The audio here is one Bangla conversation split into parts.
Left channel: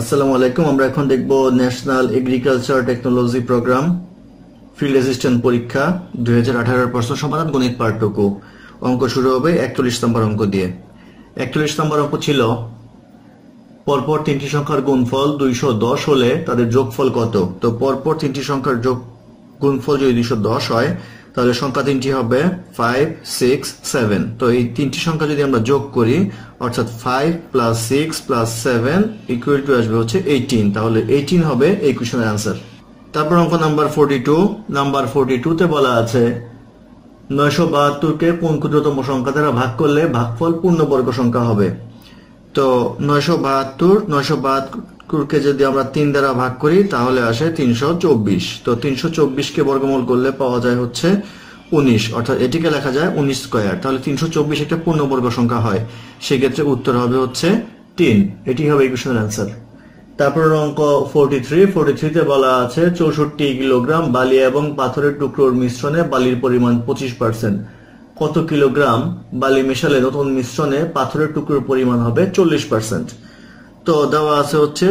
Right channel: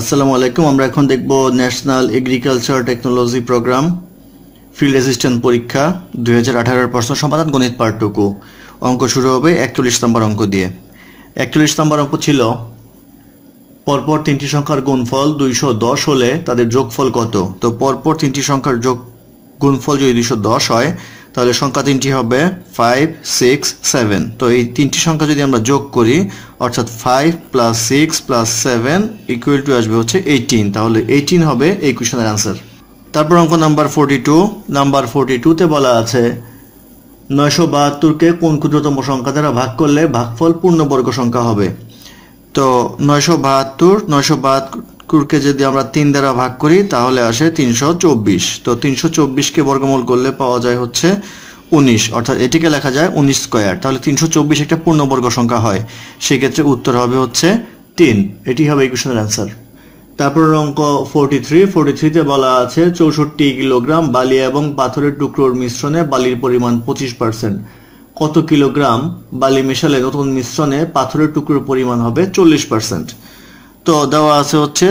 আসসালামু আলাইকুম, আমরা এখন দেখব national agriculture technology program field assistant পরীক্ষা, দুই হাজার আঠারোর প্রশ্ন সমাধান গণিত পার্টটুকু অঙ্ক শুরু হবে একচল্লিশ নম্বর অঙ্ক দিয়ে। একচল্লিশ নম্বর অঙ্ক ছিল, পরপর তিনটি সংখ্যার গুণফল দুইশো দশ হলে তাদের যোগফল কত? তো পরপর তিনটি সংখ্যার যোগ গুণফল যদি দুইশো দশ হয় তাহলে সংখ্যা তিনটি হবে ফাইভ সিক্স সেভেন তো এই তিনটি সংখ্যা যদি আমরা যোগ করি, অর্থাৎ five plus six plus seven equal to আসবে হচ্ছে এইটিন তাহলে এইটিন হবে এই কোয়েশনের অ্যান্সার তারপর অঙ্ক number forty two number forty টুতে বলা আছে, নয়শো বাহাত্তরকে কোন ক্ষুদ্রতম সংখ্যা দ্বারা ভাগ করলে ভাগফল পূর্ণবর্গ সংখ্যা হবে? তো নয়শো বাহাত্তর, নয়শো বাহাত্তরকে যদি আমরা তিন দ্বারা ভাগ করি, তাহলে আসে তিনশো চব্বিশ। তো তিনশো চব্বিশকে বর্গমূল করলে পাওয়া যায় হচ্ছে উনিশ। অর্থাৎ এটিকে লেখা যায় উনিশ স্কোয়ার। তাহলে তিনশো চব্বিশ একটা পূর্ণবর্গ সংখ্যা হয়। সেক্ষেত্রে উত্তর হবে হচ্ছে তিন। এটি হবে এই কোশ্চেনের অ্যান্সার তারপর অঙ্ক ফোরটি থ্রি ফোরটি থ্রিতে বলা আছে চৌষট্টি কিলোগ্রাম বালি এবং পাথরের টুকরোর মিশ্রণে বালির পরিমাণ পঁচিশ পার্সেন্ট কত কিলোগ্রাম বালি মেশালে নতুন মিশ্রণে পাথরের টুকরোর পরিমাণ হবে চল্লিশ পার্সেন্ট তো দেওয়া আছে হচ্ছে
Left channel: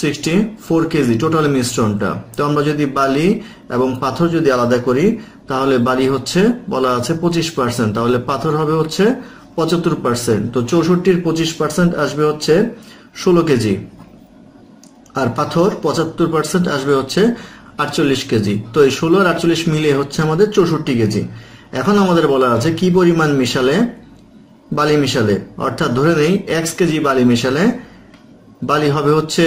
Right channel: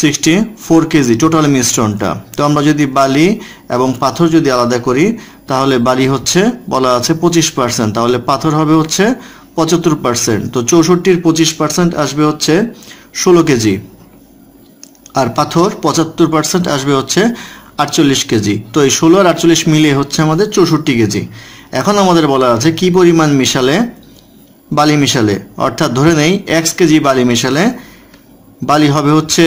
সিক্সটি ফোর কেজি টোটাল মিশ্রণটা। তো আমরা যদি বালি এবং পাথর যদি আলাদা করি, তাহলে বালি হচ্ছে বলা আছে পঁচিশ পার্সেন্ট তাহলে পাথর হবে হচ্ছে পঁচাত্তর পার্সেন্ট তো চৌষট্টির পঁচিশ পার্সেন্ট আসবে হচ্ছে ষোলো কেজি। আর পাথর পঁচাত্তর পার্সেন্ট আসবে হচ্ছে আটচল্লিশ কেজি। তো এই ষোলো আর আটচল্লিশ মিলিয়ে হচ্ছে আমাদের চৌষট্টি কেজি। এখন আমাদের বলা আছে কি পরিমাণ মিশালে? বালি মিশালে। অর্থাৎ ধরে নেই এক্স কেজি বালি মিশালে বালি হবে হচ্ছে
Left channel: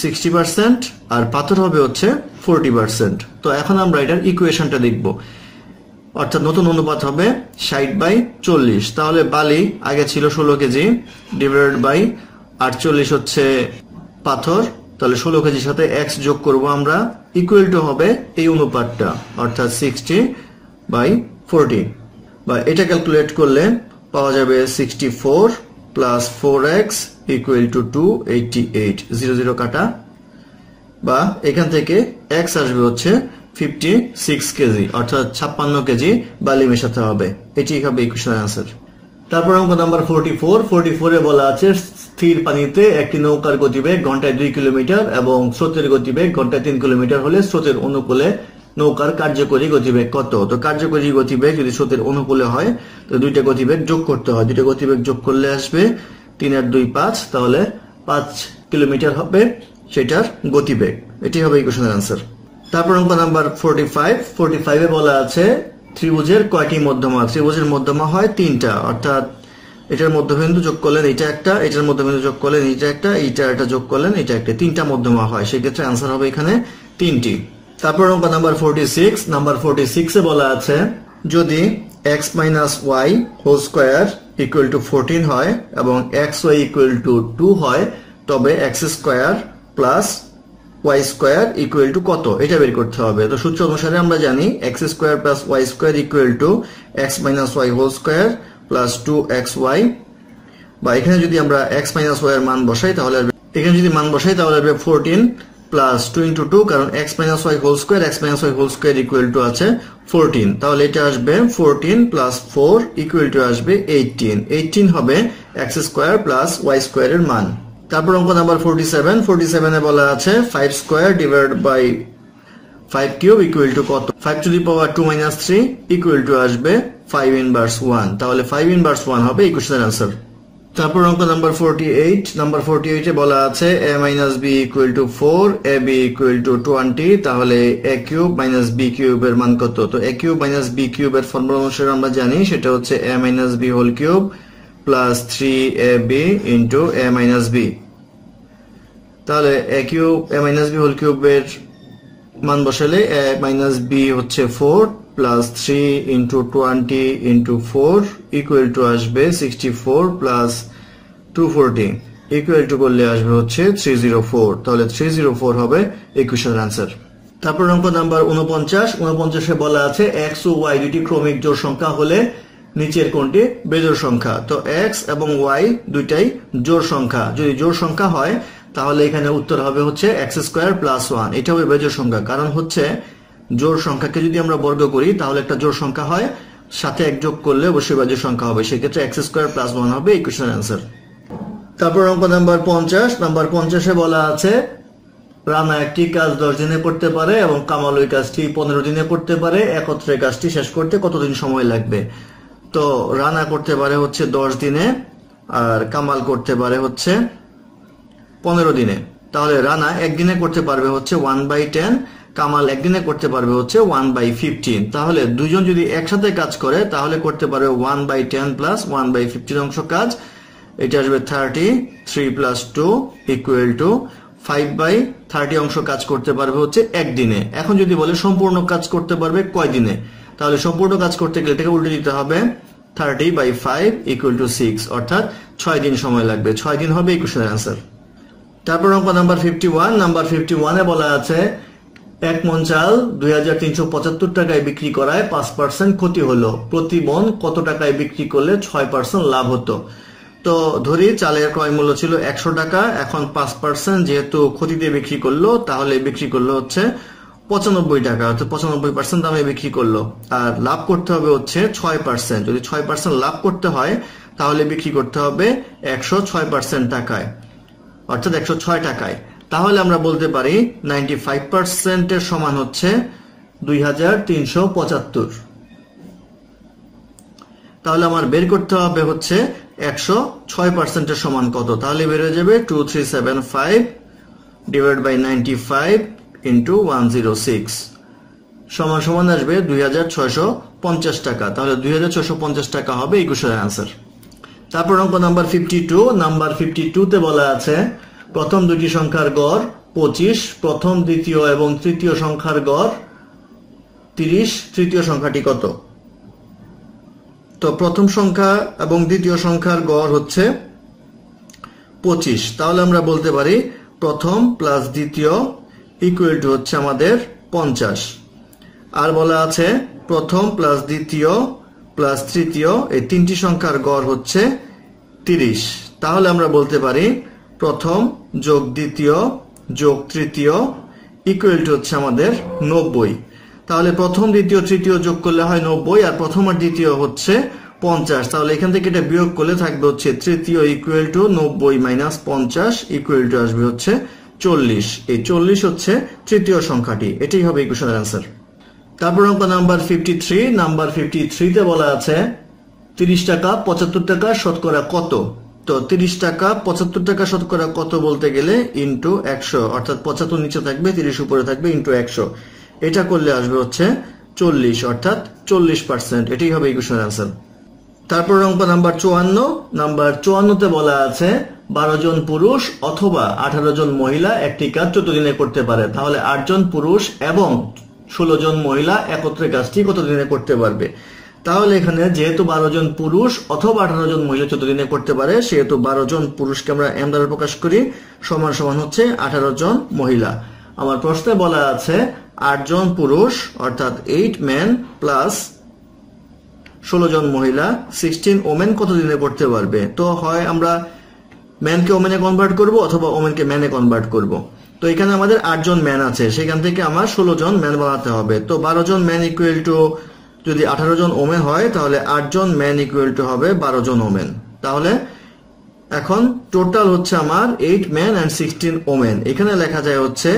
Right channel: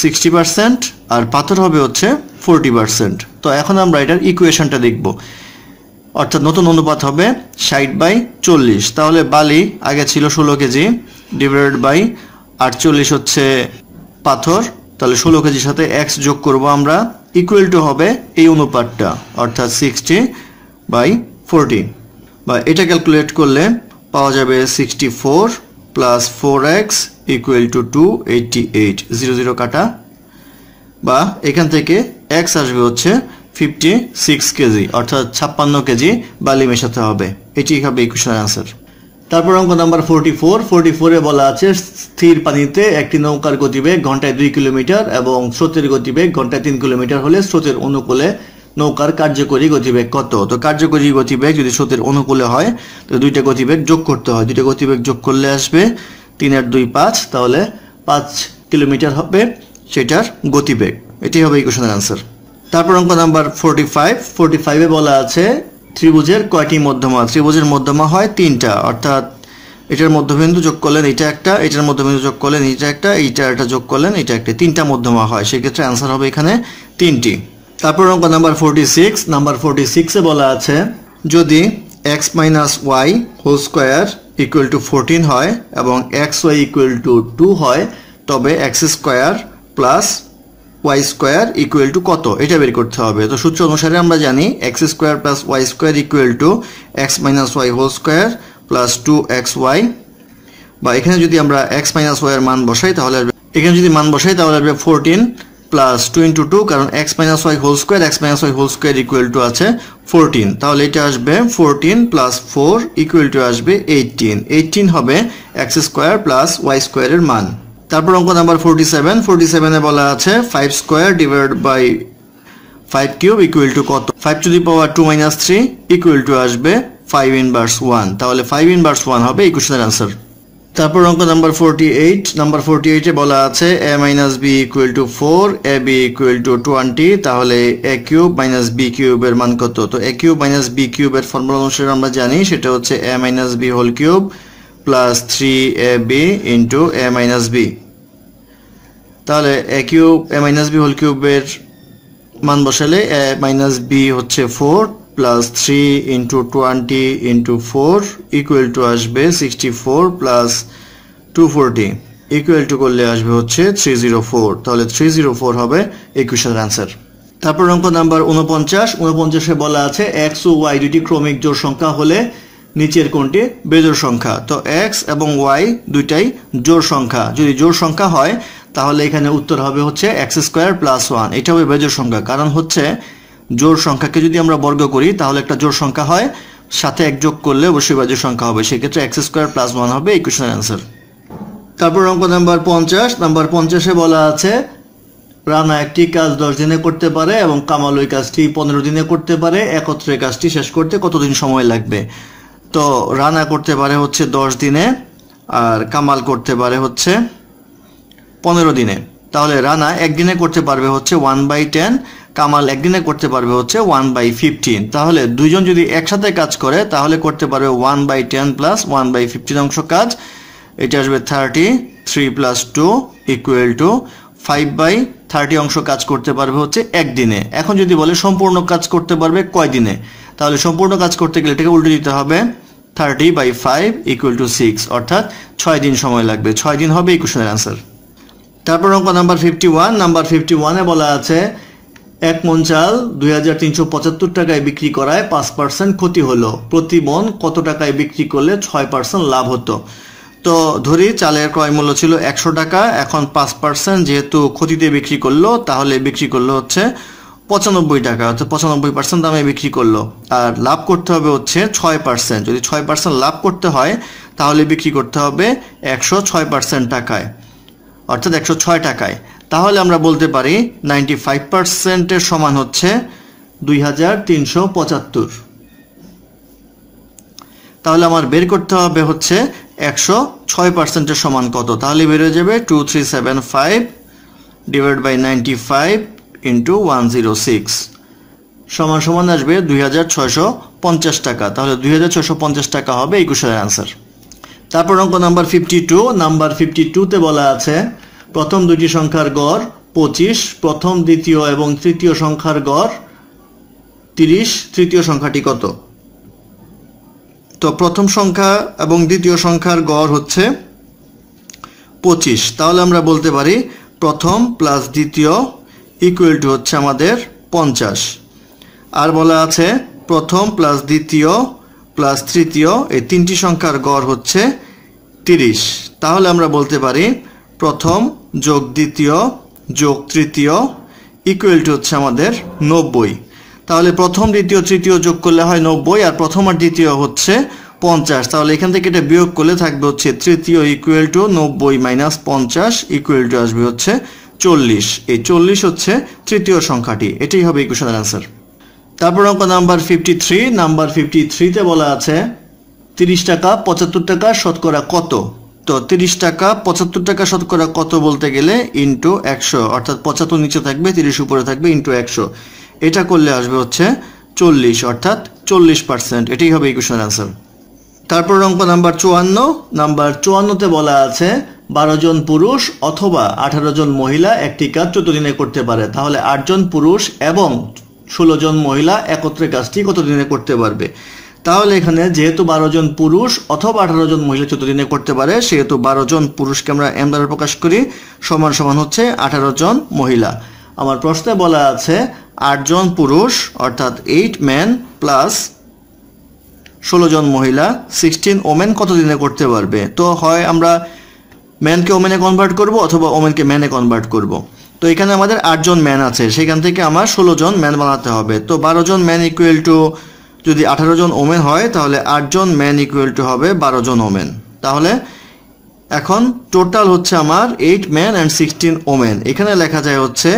সিক্সটি পার্সেন্ট আর পাথর হবে হচ্ছে ফোরটি পার্সেন্ট তো এখন আমরা এটার ইকুয়েশনটা দেখব। অর্থাৎ নতুন অনুপাত হবে ষাট বাই চল্লিশ। তাহলে বালি আগে ছিল ষোলো কেজি ডিভাইডেড বাই আটচল্লিশ হচ্ছে পাথর। তাহলে ষোলো কেজির সাথে এক্স যোগ করব আমরা ইকুয়াল টু হবে এই অনুপাতটা, অর্থাৎ সিক্সটি বাই ফোরটি বা এটা ক্যালকুলেট করলে পাওয়া যাবে sixty four plus four X equal to two eighty eight zero zero কাটা। বা এখান থেকে এক্স আসবে হচ্ছে ফিফটি সিক্স কেজি, অর্থাৎ ছাপ্পান্ন কেজি বালি মেশাতে হবে। এটি হবে ইকুয়েশনের অ্যান্সার তারপর অঙ্ক নাম্বার ফোরটি ফোর ফোরটি ফোরে বলা আছে, স্থির পানিতে একটি নৌকার গতিবেগ ঘন্টায় দুই কিলোমিটার এবং স্রোতের গতিবেগ ঘন্টায় তিন কিলোমিটার হলে স্রোতের অনুকূলে নৌকার কার্যকরী গতিবেগ কত? তো কার্যকরী গতিবেগ যদি স্রোতের অনুকূলে হয়, তো দুইটা গতিবেগ যোগ করতে হয়। দুইটা গতিবেগ যোগ করলে আসবে তিন আর দুই পাঁচ, তাহলে পাঁচ কিলোমিটার হবে সেটার গতিবেগ। এটি হবে এই অ্যান্সার তারপর অঙ্ক নাম্বার ফোরটি ফাইভ ফোরটি ফাইভে বলা আছে ত্রিভুজের কয়টি মধ্যমা? ত্রিভুজের মধ্যমা হয় তিনটা, অর্থাৎ এটার মধ্যবিন্দু যোগ করলেন এটা একটা, এটার মধ্যবিন্দু যোগ করলেন এটা একটা, এইটা একটা যোগ করলেন এটা একটা। তিনটা মধ্যমা হয়, সেক্ষেত্রে অ্যান্সার হবে এখানে তিনটি। তারপর অঙ্ক number forty six number forty সিক্সে বলা আছে, যদি X minus Y whole square equal to fourteen হয় এবং X Y equal to two হয়, তবে X square plus Y square equal to কত? এটা বের করতে হবে। তো সূত্র অনুসারে আমরা জানি X square plus Y square equal to X minus Y whole square plus two X Y বা এখানে যদি আমরা এক্স মাইনাস ওয়াই এর মান বসাই, তাহলে এখানে যদি মান বসাই, তাহলে আসবে fourteen plus two into two কারণ X minus Y whole square X minus Y whole square equal to আছে ফোরটিন তাহলে এটা আসবে fourteen plus four equal to আসবে এইটিন এইটিন হবে এক্স স্কোয়ার প্লাস ওয়াই স্কোয়ারের মান। তারপর অঙ্ক নাম্বার ফোরটি সেভেন ফোরটি সেভেনে বলা আছে five square divide by five cube equal to কত? Five to the power two minus three equal to আসবে ফাইভ ইনভার্স ওয়ান তাহলে ফাইভ ইনভার্স ওয়ান হবে এই কোশ্চেনের অ্যান্সার তারপর অঙ্ক number forty eight number forty এইটে বলা আছে A minus B equal to four A B equal to twenty তাহলে এ কিউব মাইনাস বি কিউবের মান কত? তো এ কিউব মাইনাস বি কিউবের ফর্মুলা অনুসারে আমরা জানি সেটা হচ্ছে A minus B whole cube plus three A B into A minus B তাহলে A cube A minus B whole কিউবের মান বসালে এ মাইনাস বি হচ্ছে four plus three into twenty into four equal to আসবে sixty four plus two forty equal to করলে আসবে হচ্ছে থ্রি জিরো ফোর তাহলে থ্রি জিরো ফোর হবে একুশের অ্যান্সার তারপর অঙ্ক নাম্বার উনপঞ্চাশ উনপঞ্চাশে বলা আছে এক্স ও ওয়াই দুটি ক্রমিক জোড় সংখ্যা হলে নিচের কোনটি? বেজোড় সংখ্যা। তো এক্স এবং ওয়াই দুইটাই জোড় সংখ্যা। যদি জোড় সংখ্যা হয়, তাহলে এখানে উত্তর হবে হচ্ছে এক্স স্কোয়ার প্লাস ওয়ান এটা হবে বেজোড় সংখ্যা। কারণ হচ্ছে জোড় সংখ্যাকে যদি আমরা বর্গ করি, তাহলে একটা জোর সংখ্যা হয়, সাথে এক যোগ করলে অবশ্যই বেজোড় সংখ্যা হবে। সেক্ষেত্রে এক্স স্কোয়ার প্লাস ওয়ান হবে এই কোশ্চেনের অ্যান্সার তারপর অঙ্ক নাম্বার পঞ্চাশ। নাম্বার পঞ্চাশে বলা আছে, রানা একটি কাজ দশ দিনে করতে পারে এবং কামাল ওই কাজটি পনেরো দিনে করতে পারে। একত্রে কাজটি শেষ করতে কতদিন সময় লাগবে? তো রানা করতে পারে হচ্ছে দশ দিনে আর কামাল করতে পারে হচ্ছে পনেরো দিনে। তাহলে রানা একদিনে করতে পারবে হচ্ছে ওয়ান বাই টেন কামাল একদিনে করতে পারবে হচ্ছে ওয়ান বাই ফিফটিন তাহলে দুইজন যদি একসাথে কাজ করে, তাহলে করতে পারবে one by ten plus one by fifteen অংশ কাজ। এটা আসবে thirty three plus two equal to five by thirty অংশ কাজ করতে পারবে হচ্ছে একদিনে। এখন যদি বলে সম্পূর্ণ কাজ করতে পারবে কয় দিনে তাহলে সম্পূর্ণ কাজ করতে গেলে এটাকে উল্টে দিতে হবে thirty by five equal to six অর্থাৎ ছয় দিন সময় লাগবে। ছয় দিন হবে এই কোশ্চেনের অ্যান্সার তারপর অঙ্ক number fifty one number fifty ওয়ানে বলা আছে এক মন চাল দুই হাজার তিনশো পঁচাত্তর টাকায় বিক্রি করায় পাঁচ পার্সেন্ট ক্ষতি হলো। প্রতি মন কত টাকায় বিক্রি করলে ছয় পার্সেন্ট লাভ হতো? তো ধরি চালের ক্রয় মূল্য ছিল একশো টাকা, এখন পাঁচ পার্সেন্ট যেহেতু ক্ষতিতে বিক্রি করল, তাহলে বিক্রি করল হচ্ছে পঁচানব্বই টাকা, অর্থাৎ পঁচানব্বই পার্সেন্ট দামে বিক্রি করল। আর লাভ করতে হবে হচ্ছে ছয় পার্সেন্ট যদি ছয় পার্সেন্ট লাভ করতে হয়, তাহলে বিক্রি করতে হবে একশো ছয় পার্সেন্ট টাকায়, অর্থাৎ একশো ছয় টাকায়। তাহলে আমরা বলতে পারি নাইনটি ফাইভ পার্সেন্টের সমান হচ্ছে দুই হাজার তিনশো পঁচাত্তর। তাহলে আমার বের করতে হবে হচ্ছে একশো ছয় পার্সেন্টের সমান কত? তাহলে বের যাবে two three seven five divide by ninety five into one zero six সমান সমান আসবে দুই হাজার ছয়শো পঞ্চাশ টাকা। তাহলে দুই হাজার ছয়শো পঞ্চাশ টাকা হবে এই কোশ্চেনের অ্যান্সার তারপর অঙ্ক number fifty two number fifty টুতে বলা আছে প্রথম দুটি সংখ্যার গড় পঁচিশ, প্রথম, দ্বিতীয় এবং তৃতীয় সংখ্যার গড় তিরিশ, তৃতীয় সংখ্যাটি কত? তো প্রথম সংখ্যা এবং দ্বিতীয় সংখ্যার গড় হচ্ছে পঁচিশ। তাহলে আমরা বলতে পারি প্রথম প্লাস দ্বিতীয় ইকুয়াল টু হচ্ছে আমাদের পঞ্চাশ। আর বলা আছে প্রথম প্লাস দ্বিতীয় প্লাস তৃতীয়, এই তিনটি সংখ্যার গড় হচ্ছে তিরিশ। তাহলে আমরা বলতে পারি প্রথম যোগ দ্বিতীয়, যোগ তৃতীয় ইকুয়াল টু হচ্ছে আমাদের নব্বই। তাহলে প্রথম দ্বিতীয়, তৃতীয় যোগ করলে হয় নব্বই, আর প্রথম আর দ্বিতীয় হচ্ছে পঞ্চাশ। তাহলে এখান থেকে এটা বিয়োগ করলে থাকবে হচ্ছে তৃতীয় ইকুয়াল টু নব্বই মাইনাস পঞ্চাশ ইকুয়াল টু আসবে হচ্ছে চল্লিশ। এই চল্লিশ হচ্ছে তৃতীয় সংখ্যাটি। এটাই হবে ইকুয়েশনের অ্যান্সার তারপর অঙ্ক number fifty three number fifty থ্রিতে বলা আছে, তিরিশ টাকা, পঁচাত্তর টাকা, শতকরা কত? তো তিরিশ টাকা, পঁচাত্তর টাকা শতকরা কত বলতে গেলে ইন্টু একশো, অর্থাৎ পঁচাত্তর নিচে থাকবে, তিরিশ উপরে থাকবে ইন্টু একশো। এটা করলে আসবে হচ্ছে চল্লিশ, অর্থাৎ চল্লিশ পার্সেন্ট এটাই হবে ইকুয়েশন অ্যান্সার তারপর অঙ্ক নাম্বার চুয়ান্ন। নাম্বার চুয়ান্নতে বলা আছে, বারো জন পুরুষ অথবা আঠারো জন মহিলা একটি কাজ চোদ্দ দিনে করতে পারে। তাহলে আটজন পুরুষ এবং ষোলো জন মহিলা একত্রে কাজটি কত দিনে করতে পারবে? তাহলে এখানে যেহেতু বারো জন পুরুষ অথবা আঠারো জন মহিলা চোদ্দ দিনে করতে পারে, সেহেতু বারো জন পুরুষকে আমরা এম দ্বারা প্রকাশ করি, সমান সমান হচ্ছে আঠারো জন মহিলা। আমার প্রশ্নে বলা আছে আটজন পুরুষ, অর্থাৎ এইট ম্যান প্লাস ষোলো জন মহিলা সিক্সটিন ওমেন কত দিনে করতে পারবে? তো হয় আমরা ম্যানকে ওমেনে কনভার্ট করব অথবা ওমেনকে ম্যানে কনভার্ট করব। তো এখানে আমাদের আটজন ম্যান আছে, সেখান থেকে আমার ষোলো জন ম্যান বানাতে হবে। তো বারো জন ম্যান ইকুয়াল টু যদি আঠারো জন ওমেন হয়, তাহলে আটজন ম্যান ইকুয়াল টু হবে বারো জন ওমেন। তাহলে এখন টোটাল হচ্ছে আমার eight man and sixteen women. এখানে লেখা যায় হচ্ছে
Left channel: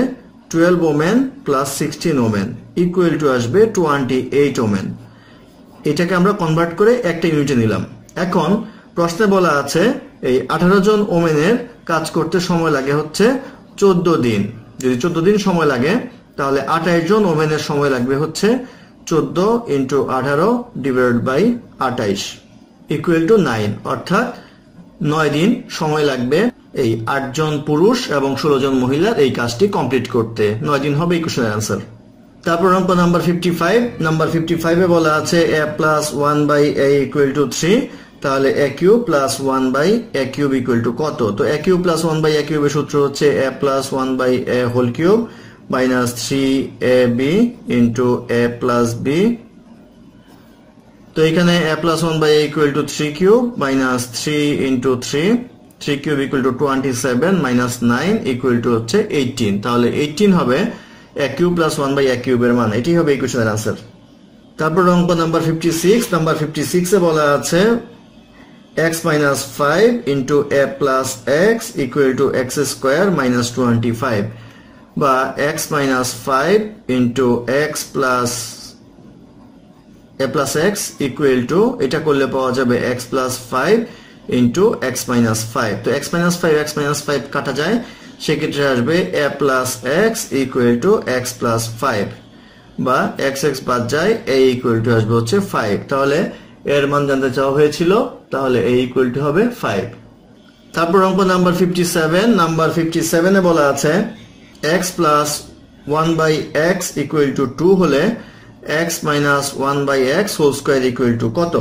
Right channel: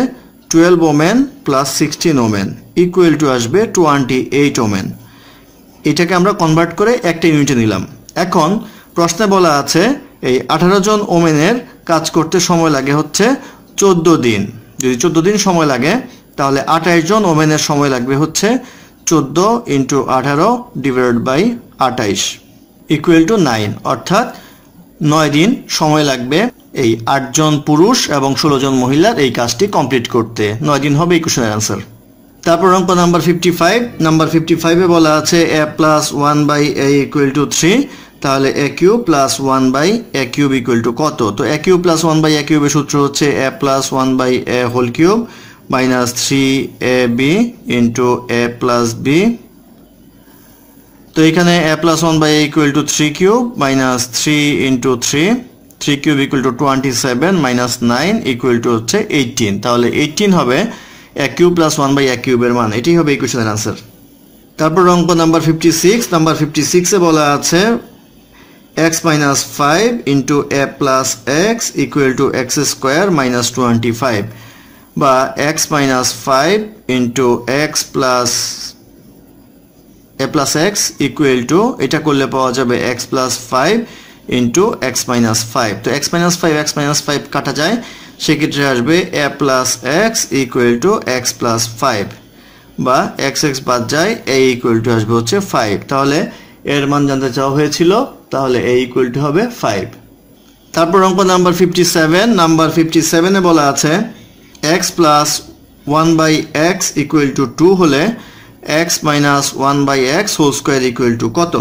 twelve women plus sixteen women. Equal to আসবে টোয়েন্টি এইট ওমেন। এটাকে আমরা কনভার্ট করে একটা ইউনিটে নিলাম। এখন প্রশ্নে বলা আছে, এই আঠারো জন ওমেনের কাজ করতে সময় লাগে হচ্ছে চোদ্দ দিন। যদি চোদ্দ দিন সময় লাগে, তাহলে আঠাইশ জন ওমেনের সময় লাগবে হচ্ছে চোদ্দ ইন্টু আঠারো ডিভাইড বাই আঠাইশ ইকুয়াল টু নাইন অর্থাৎ নয় দিন সময় লাগবে এই আটজন পুরুষ এবং ষোলো জন মহিলার এই কাজটি কমপ্লিট করতে। নয় দিন হবে এই কোশ্চেনের অ্যান্সার তারপর অঙ্ক number fifty five number fifty ফাইভে বলা আছে A plus one by A equal to three তাহলে A cube plus one by A cube equal to কত? তো A cube plus one by A কিউবের সূত্র হচ্ছে A plus one by A whole cube A B into A plus B তো এখানে A plus one by equal to three cube minus three into three three cube equal to twenty seven minus nine equal to হচ্ছে এইটিন তাহলে এইটিন হবে এক কিউব প্লাস ওয়ান বাই এক কিউবের মান। এটি হবে এই কোশ্চেনের তারপর অঙ্ক number fifty six number fifty সিক্সে বলা আছে minus five into A plus X equal to X square minus twenty five বা X minus five into X plus A plus X equal to এটা করলে পাওয়া যাবে X plus five into X minus five তো X minus five X minus five কাটা যায়, সেক্ষেত্রে আসবে A plus X equal to X plus five বা এক্স এক্স বাদ যায় এ ইকুয়াল টু আসবে হচ্ছে ফাইভ তাহলে এর মান জানতে চাওয়া হয়েছিল, তাহলে এ ইকুয়াল টু হবে ফাইভ তারপর অঙ্ক number fifty seven number fifty সেভেনে বলা আছে X plus one by X equal to two হলে X minus one by X whole square equal to কত?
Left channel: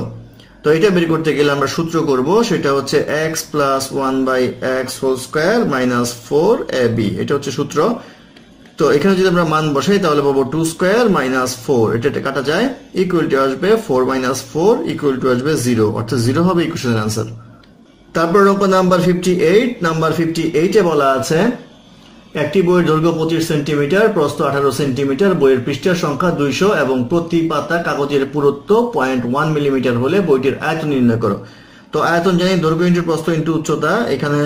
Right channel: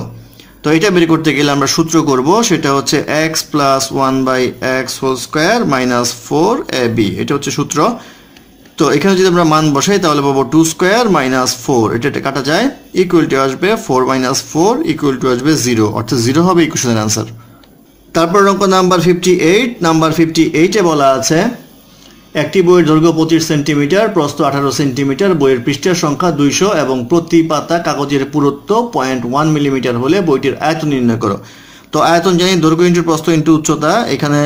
তো এটা বের করতে গেলে আমরা সূত্র করব, সেটা হচ্ছে X plus one by X whole square minus four A B এটা হচ্ছে সূত্র। তো এখানে যদি আমরা মান বসাই, তাহলে পাবো টু স্কোয়ার মাইনাস ফোর এটা কাটা যায় ইকুয়াল টু আসবে four minus four equal to আসবে জিরো অর্থাৎ জিরো হবে ইকুয়েশনের আনসার তারপর অঙ্ক number fifty eight number fifty এইটে বলা আছে একটি বইয়ের দৈর্ঘ্য পঁচিশ সেন্টিমিটার, প্রস্থ আঠারো সেন্টিমিটার, বইয়ের পৃষ্ঠের সংখ্যা দুইশো এবং প্রতি পাতা কাগজের পুরুত্ব পয়েন্ট ওয়ান মিলিমিটার হলে বইটির আয়তন নির্ণয় করো। তো আয়তন জানি দৈর্ঘ্য ইন্টু প্রস্থ ইন্টু উচ্চতা, এখানে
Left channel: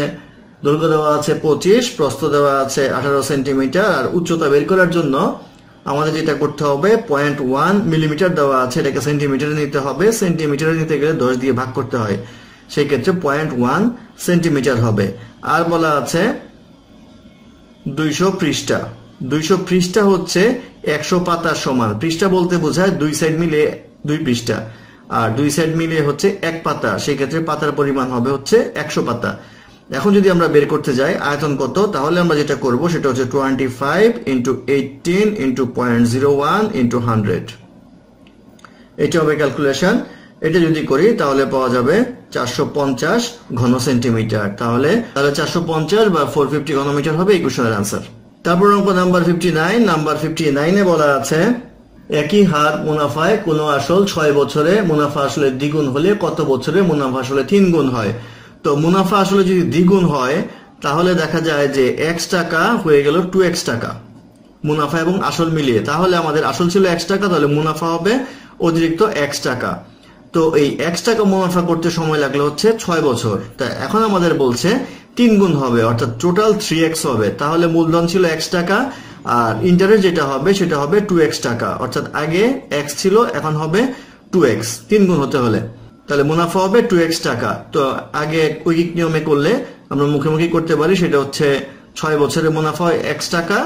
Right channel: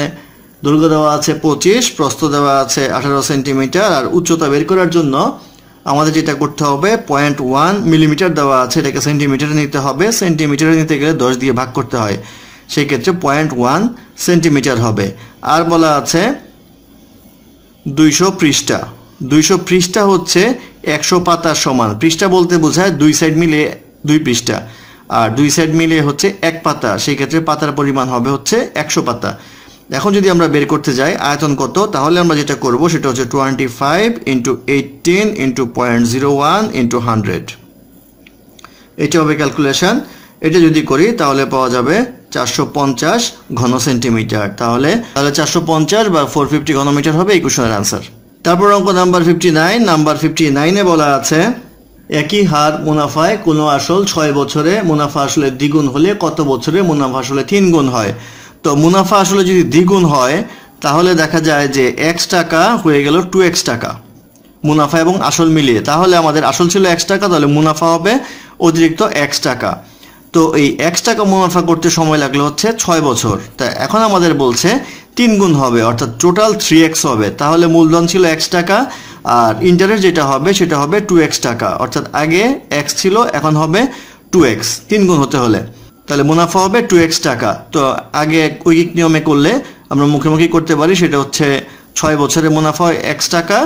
দৈর্ঘ্য দেওয়া আছে পঁচিশ, প্রস্থ দেওয়া আছে আঠারো সেন্টিমিটার, আর উচ্চতা বের করার জন্য আমাদের যেটা করতে হবে পয়েন্ট ওয়ান মিলিমিটার দেওয়া আছে, এটাকে সেন্টিমিটারে নিতে হবে সেন্টিমিটারে নিতে গেলে দশ দিয়ে ভাগ করতে হয়। সেই ক্ষেত্রে পয়েন্ট ওয়ান সেন্টিমিটার হবে। আর বলা আছে দুইশো পৃষ্ঠা। দুইশো পৃষ্ঠা হচ্ছে একশো পাতার সমান। পৃষ্ঠা বলতে বোঝায় দুই সাইড মিলে দুই পৃষ্ঠা। আর দুই সাইড মিলে হচ্ছে এক পাতা। সেই ক্ষেত্রে পাতার পরিমাণ হবে হচ্ছে একশো পাতা। এখন যদি আমরা বের করতে যাই, আয়তন কত? তাহলে আমরা যেটা করব সেটা হচ্ছে twenty five into eighteen into point zero one into hundred এটা হবে ক্যালকুলেশন এটা যদি করি, তাহলে পাওয়া যাবে চারশো পঞ্চাশ ঘন সেন্টিমিটার তাহলে তাহলে চারশো পঞ্চাশ বা ফোর ফিফটি ঘনমিটার হবে এই কোশ্চেনের আনসার তারপর অঙ্ক number fifty nine number fifty নাইনে বলা আছে, একই হার মুনাফায় কোনো আসল ছয় বছরে মুনাফা আসলে দ্বিগুণ হলে কত বছরে মুনাফা আসলে তিন গুণ হয়? তো মুনাফা আসলে যদি দ্বিগুণ হয়, তাহলে দেখা যায় যে এক্স টাকা হয়ে গেল টু এক্স টাকা, মুনাফা এবং আসল মিলিয়ে। তাহলে আমাদের আসল ছিল এক্স টাকা, তাহলে মুনাফা হবে অতিরিক্ত এক্স টাকা। তো এই এক্স টাকা মুনাফা করতে সময় লাগল হচ্ছে ছয় বছর। তা এখন আমাদের বলছে তিন গুণ হবে, অর্থাৎ টোটাল থ্রি এক্স হবে। তাহলে মূলধন ছিল এক্স টাকা, আর ইন্টারেস্ট যেটা হবে সেটা হবে টু এক্স টাকা। অর্থাৎ আগে এক্স ছিল, এখন হবে টু এক্স তিন গুণ হতে হলে। তাহলে মুনাফা হবে টু এক্স টাকা। তো আগে ঐকিক নিয়মে করলে আমরা মুখোমুখি করতে পারি, সেটা হচ্ছে ছয় বছরের মুনাফা হয় এক্স টাকা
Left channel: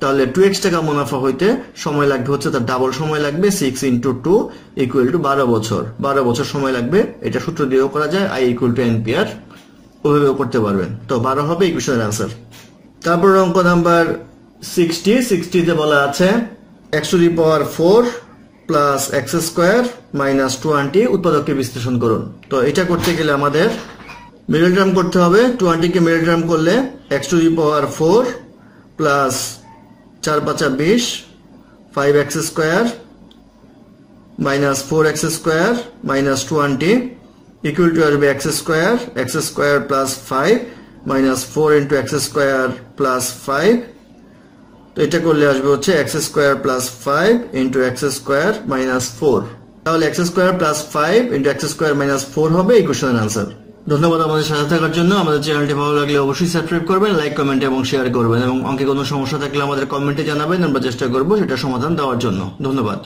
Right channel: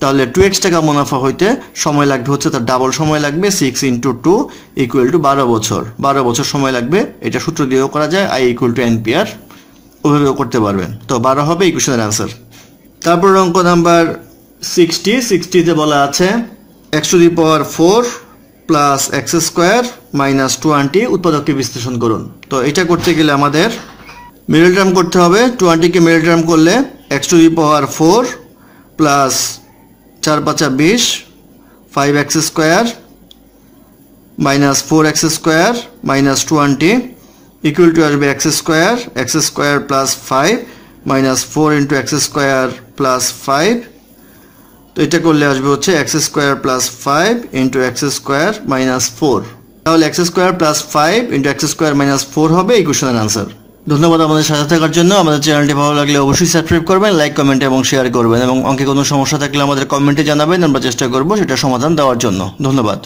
তাহলে টু এক্স টাকা মুনাফা হইতে সময় লাগবে হচ্ছে তার ডাবল সময় লাগবে six into two equal to বারো বছর। বারো বছর সময় লাগবে, এটা সূত্র দিয়েও করা যায় আই ইকুয়াল টু এনপিআর ওইভাবেও করতে পারবেন। তো বারো হবে এই কোশ্চেনের আনসার তারপর অঙ্ক নাম্বার সিক্সটি সিক্সটিতে বলা আছে X to the power four plus X square minus two twenty উৎপাদককে বিশ্লেষণ করুন। তো এটা করতে গেলে আমাদের মিডল টার্ম করতে হবে। টোয়েন্টিকে মিডল টার্ম করলে X to the power four plus চার পাঁচা বিশ five X square minus four X square minus twenty equal to আসবে X square X square plus five minus four into X square plus five তো এটা করলে আসবে হচ্ছে X square plus five into X square minus four তাহলে X square plus five into X square minus four হবে এই কোশ্চেনের আনসার ধন্যবাদ আমাদের সাথে থাকার জন্য। আমাদের চ্যানেলটি ভালো লাগলে অবশ্যই সাবস্ক্রাইব করবেন লাইক কমেন্ট এবং শেয়ার করবেন এবং অঙ্কে কোনো সমস্যা থাকলে আমাদের কমেন্টে জানাবেন। আমরা চেষ্টা করব সেটা সমাধান দেওয়ার জন্য। ধন্যবাদ।